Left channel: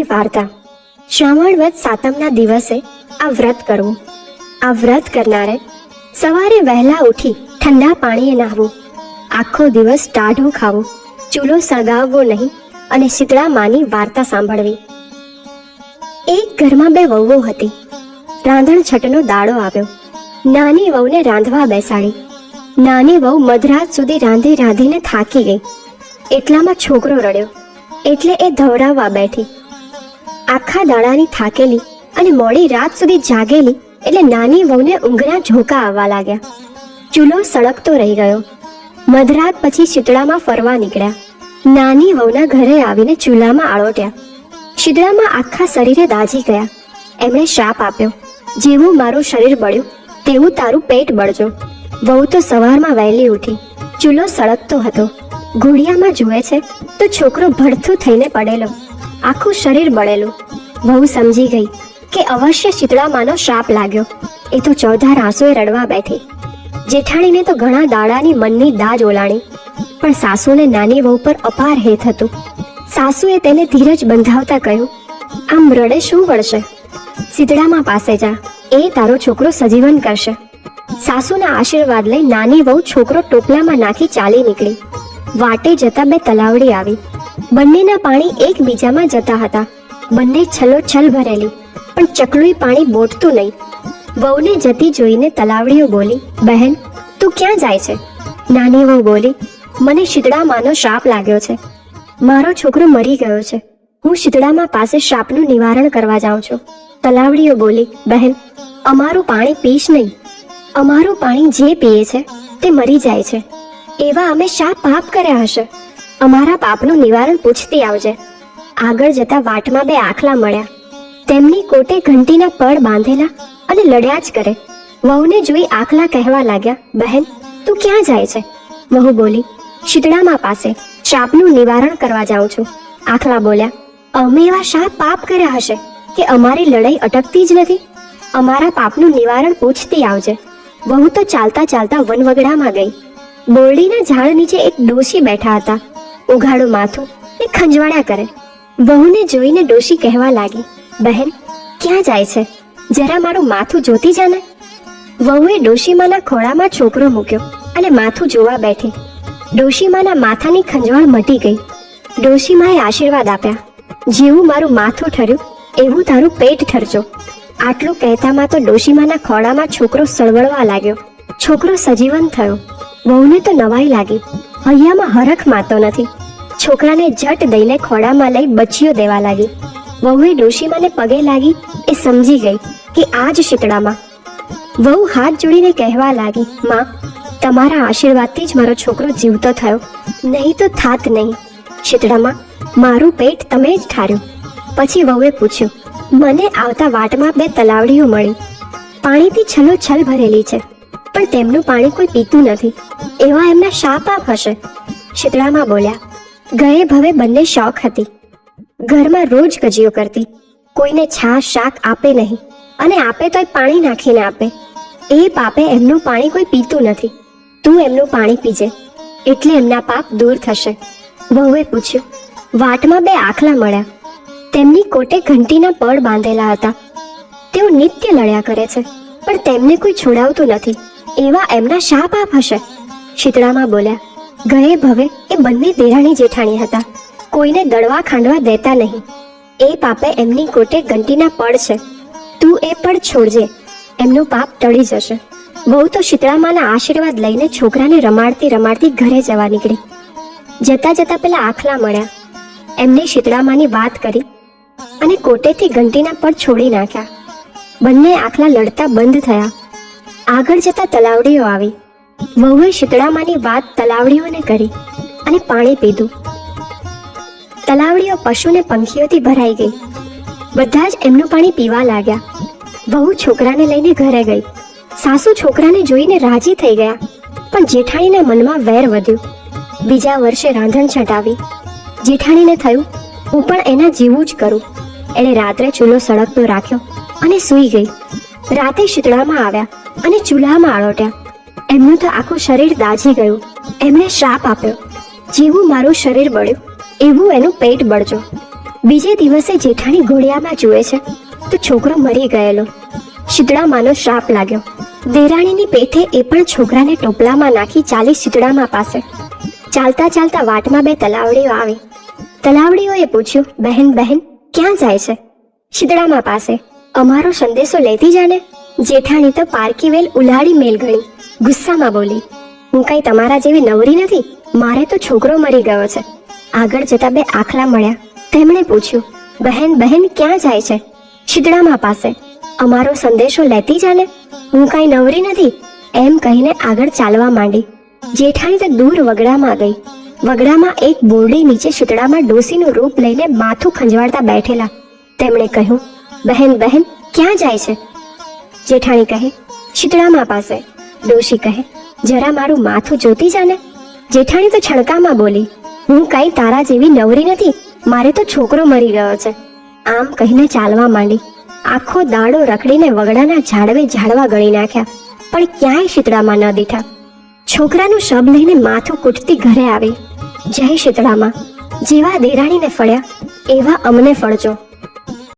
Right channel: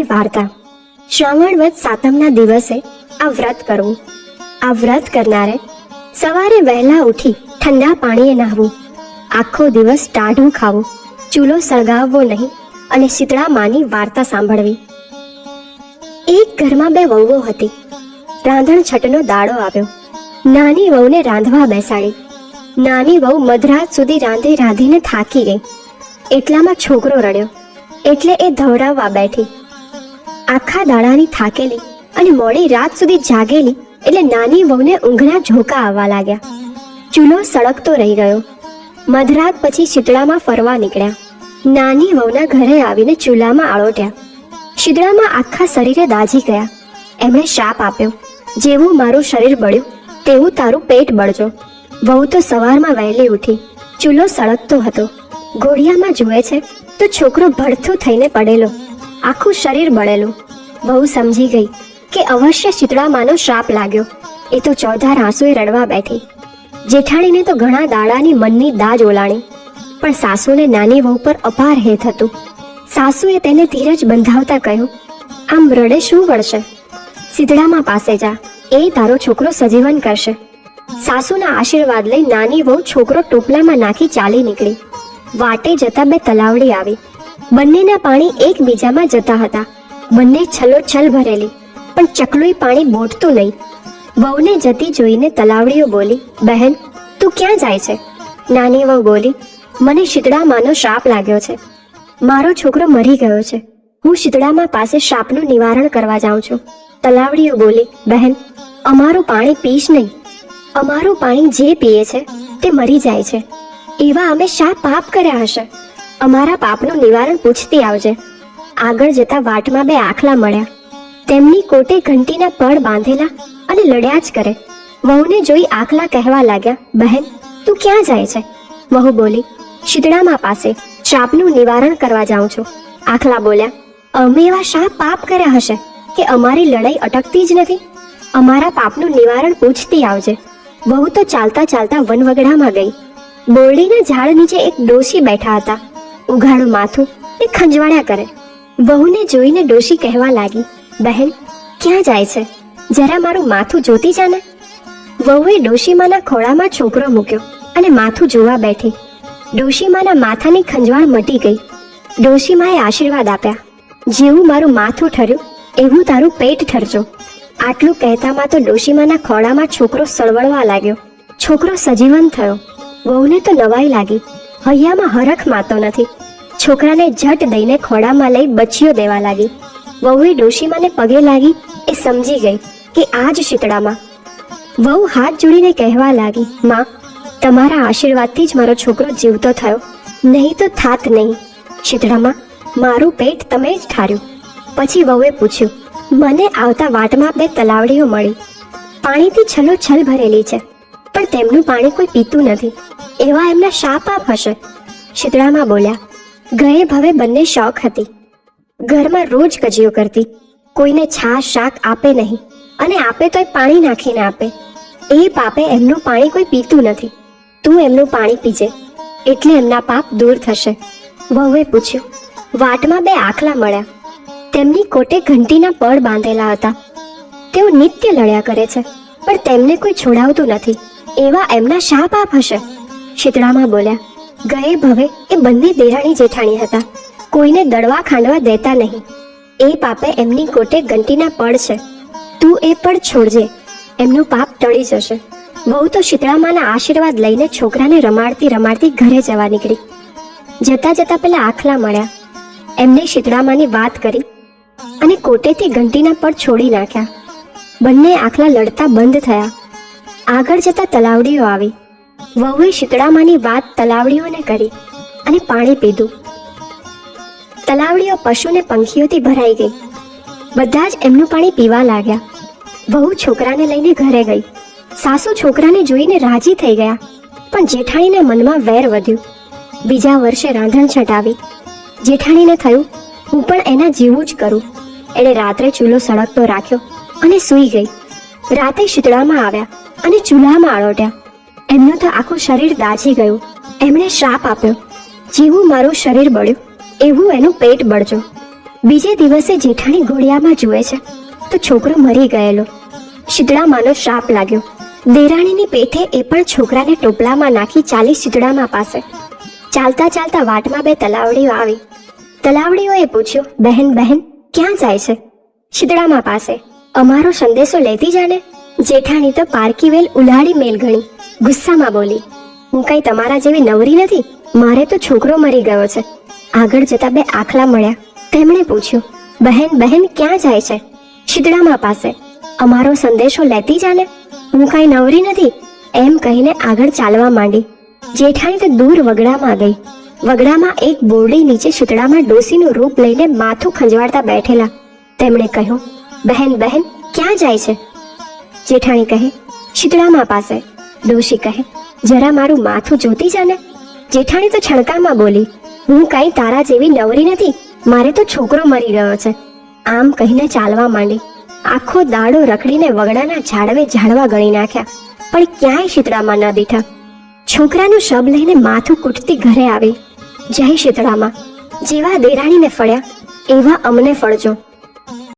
નાની વાર્તા. શ્રાવણ વદ સાતમના દિવસે આ વ્રત કરવું. આ વ્રત કરનારે સવારે વહેલા ઉઠી ઠંડા પાણીએ નાહવું. આખો દિવસ ટાઢું ખાવું. ચૂલો સળગાવવો નહીં અને શીતળા માની વાર્તા સાંભળવી. એક ઘરમાં બે વહુઓ હતી. રાંધણ છટનો દાડો આવ્યો. નાની વહુને રાંધવા બેસાડી. નાની વહુ મધરાત સુધી રાંધી રાંધીને થાકી ગઈ. એટલામાં છોકરો રડ્યો. એટલે એ ધવડાવવા બેઠી. આખા દાડાની થાકેલી અને મોડી રાત સુધી જાગેલી એટલે નાની વહુને ઊંઘના ઝોકા આવવા લાગ્યા. ચૂલો સળગતો રહી ગયો. મધરાત પછી શીતળામાં ફરવા નીકળ્યા. નાની વહુના ઘરે આવીને ચૂલામાં આળોટ્યા. શીતળામાં આખા શરીરે દાજી ગયા. એમણે શ્રાપ આપ્યો, જેવું મારું શરીર બળ્યું, તેવું તારું પેટ બળજો. વહુ તો સવારમાં વહેલી ઉઠી. ચૂલો સળગતો હતો. ઘોડિયામાં જુએ છે, તો છોકરો ભડથો થઈને પડેલો. આખું શરીર બળેલું. વહુ સમજી ગઈ કે અવશ્ય શીતળામાનો શ્રાપ લાગ્યો. એ તો ચૌધાર આંસુએ રડવા બેઠી. જેઠાણીને તો ઘણા દાડાની મનની દાજ ઓલાણી. પણ સાસુને નાની વહુ પર અપાર હેત હતું. સાસુએ તેને ધીરજ બંધાવતા કહ્યું, આમ રડે શું વળશે? સીતળામાં પાસે જા. એ તારો છોકરો સજીવન કરશે. સાસુના આશીર્વાદ લઈ નાની વહુ છોકરો ટોપલામાં નાખી ચાલી નીકળી. વાટે જતા બે તલાવડી આવી. બંનેના પાણી એકબીજામાં જતા હતા. બંને છલોછલ ભરેલી, પણ ચકલુઈ પાણી બોટતું નહીં. વહુને જતી જોઈને તલાવડીઓ બોલી, બહેન, તું ક્યાં જાય છે? નાની વહુ બોલી, મને શીતળામાંનો શ્રાપ લાગ્યો છે. મારો છોકરો મરી ગયો છે. હું શીતળામાં પાસે શ્રાપનું નિવારણ કરવા જાઉં છું. તલાવડીઓ બોલી, બહેન, અમારું પાણી પીશ નહીં. અમારું પાણી જે પીએ છે તે મરી જાય છે. એવા અમે શા પાપ કર્યા હશે. અમારા પાપનું નિવારણ પૂછતી આવજે. આગળ જતા વાટમાં બે આખલા મળ્યા. તેમની કોટે ઘંટીના પળ બાંધેલા અને લડ્યા જ કરે. વહુને જોઈ આખલા કહેવા લાગ્યા, બહેન, તું ક્યાં જાય છે? વહુ બોલી, શીતળામાં પાસે શાપનું નિવારણ કરવા જાઉં છું. આખલા બોલ્યા, અમે એવા શા પાપ કર્યા હશે કે અમારી લડાઈ અટકતી જ નથી? અમારા પાપનું નિવારણ પૂછતી આવજે. વહુ તો ચાલતા ચાલતા વનવગડામાં ગઈ. બોરડીના ઝાડ નીચે એક ડોશી બેઠા હતા. ઉઘાડું માથું ને ખંજવાળ્યા કરે. વહુને જોઈને ડોશી કહેવા લાગી, બહેન, ક્યાં જાય છે? જરા મારું માથું જોતી જાને વહુએ ડોશીમાના ખોળામાં છોકરો મૂક્યો અને માથું જોવા બેઠી. ડોશીમાના માથાની ખંજવાળ મટી ગઈ. ડોશીમાએ આશીર્વાદ આપ્યા. જેવું મારું માથું ઠર્યું, એવું તારું પેટ ઠરજો. આટલું કહેતામાં તો ડોશીમાના ખોળામાં છોકરો સળવળવા લાગ્યો. છોકરો સજીવન થયો. વહુને તો નવાઈ લાગી. હૈયામાં હરખ માતો નથી. છોકરાને જટ દઈને ખોડામાં લઈ બચીઓ દેવા લાગી. વહુએ ડોશીમાને પગે લાગી. એ સમજી ગઈ કે આ જ શીતળામાં. વહુ હાથ જોડીને કહેવા લાગી, માં, તમારા આશીર્વાદથી જ મારો છોકરો જીવતો થયો. નહીં તો થાત નહીં. શીતળામાં, મારું પેટ તમે જ ઠાર્યું. પછી વહુએ પૂછ્યું, મને આવતા વાટમાં બે તલાવડીઓ મળી. પાણીથી છલો છલ ભરેલી છે, પણ તેમનું પાણી કોઈ પીતું નથી. એવા એમના શા પાપ હશે? શીતળામાં બોલ્યા, ગયે ભવે બંને શોખ હતી. ઘરમાં રોજ કજિયો કરતી. કોઈને છાશ, શાક આપે નહીં. અને આપે તોય પાણી નાખીને આપે. એ પાપે એમનું પાણી કોઈ પીતું નથી. તું એમનું પાણી પીજે. એટલે એમના પાપ દૂર થશે. વહુએ પૂછ્યું, વાટમાં બે આખલા મળ્યા. તેમની કોટે ઘંટીના પળ બાંધેલા હતા. તેઓ નિત્ય લડ્યા કરે છે, પણ તેમને કોઈ છોડાવતું નથી. એવા એમના શા પાપ હશે. શીતળામાં બોલ્યા, ગયે ભવે એ બંને દેરાણી જેઠાણી હતા. કોઈને દળવા ખાંડવા દેતા નહીં. એ પાપે એમની કોટે ઘંટીના પડ છે. તું એ પડ છોડજે, એમનું પાપ ટળી જશે. બહુ તો શીતળામાના આશીર્વાદ લઈને છોકરાને રમાડતી રમાડતી ઘરે જવા નીકળી. જતા જતા પેલા આખલા મળ્યા. એમની શીતળામાની વાત કરી અને કોટેથી ઘંટીના પડ છોડી નાખ્યા. બંને આખલા લડતા બંધ થયા. આગળ જતા તલાવડીઓ આવી. વહુએ શીતળામાની વાત તલાવડીઓને કરી અને પાણી પીધું. તલાવડીઓ પશુને પંખીઓથી ભરાઈ ગઈ. બધા જ એમનું પાણી પીવા લાગ્યા. વહુ છોકરાને લઈને ઘરે ગઈ. સાસુ છોકરાને જોઈને રાજી થઈ ગયા. પણ જેઠાણીના મનમાં વેર વધ્યું. બીજા વર્ષે રાંધણ છટાવી. જેઠાણીને થયું, હું પણ એના જેવું જ કરું. એણે રાત્રે ચૂલો સળગતો રાખ્યો અને સૂઈ ગઈ. રાતે શીતળામાં આવ્યા અને ચૂલામાં આળોટ્યા. એમનું તો આખું શરીર દાઝી ગયું. એમણે શ્રાપ આપ્યો. જેવું મારું શરીર બળ્યું, એવું એનું પેટ બળજો. બીજે દિવસે જેઠાણી ઘોડિયામાં જુએ છે, તો છોકરો મરી ગયેલો. શીતળામાનો શ્રાપ લાગ્યો. દેરાણીની પેઠે એ પણ છોકરાને ટોપલામાં નાખી ચાલી શીતળામાં પાસે. ચાલતા ચાલતા વાટમાં બે તલાવડીઓ આવી. તલાવડીઓએ પૂછ્યું, બહેન બહેન, ક્યાં જાય છે? શીતળામાં પાસે. અમારો સંદેશો લેતી જાને? જેઠાણી તો પારકી વેલ ઉલાડી મેલ ગણી. ગુસ્સામાં બોલી, હું કઈ તમારા જેવી નવરી નથી? મારે તો છોકરો મરી ગયો છે. આગળ જતા બે આખલા મળ્યા. તેમણે પૂછ્યું, બહેન બહેન ક્યાં જાય છે? શીતળામાં પાસે. અમારો સંદેશો લેતી જાને? હું કઈ નવરી નથી? એમ કહીને આગળ ચાલવા માંડી. જેઠાણી તો દૂર વગડામાં ગઈ. વગડામાં એક બોરડી નીચે શીતળામાં ડોસીનું રૂપ લઈને માથું ખંજવાળતા બેઠેલા. તેમણે કહ્યું, બહેન બહેન, ક્યાં જાય છે? જેઠાણી કહે, શીતળામાં પાસે. ડોશી કહે, જરા મારું માથું જોતી જાને જેઠાણી તો છણકામાં બોલી, હું કઈ તારા જેવી નવરી નથી. મારે તો છોકરો મરી ગયો છે. આમ કહીને ચાલવા માંડી. આખો દાડો રખડીને વગડાના ઝાડવે ઝાડવા ગણી નાખ્યા, પણ ક્યાંય શીતળામાં ન દીઠા છોકરાનું શબ લઈને માથું કૂટતી ઘરે આવી. જય શીતળામાં. જેવા દેરાણીને ફળ્યા, એવા અમને ફળજો.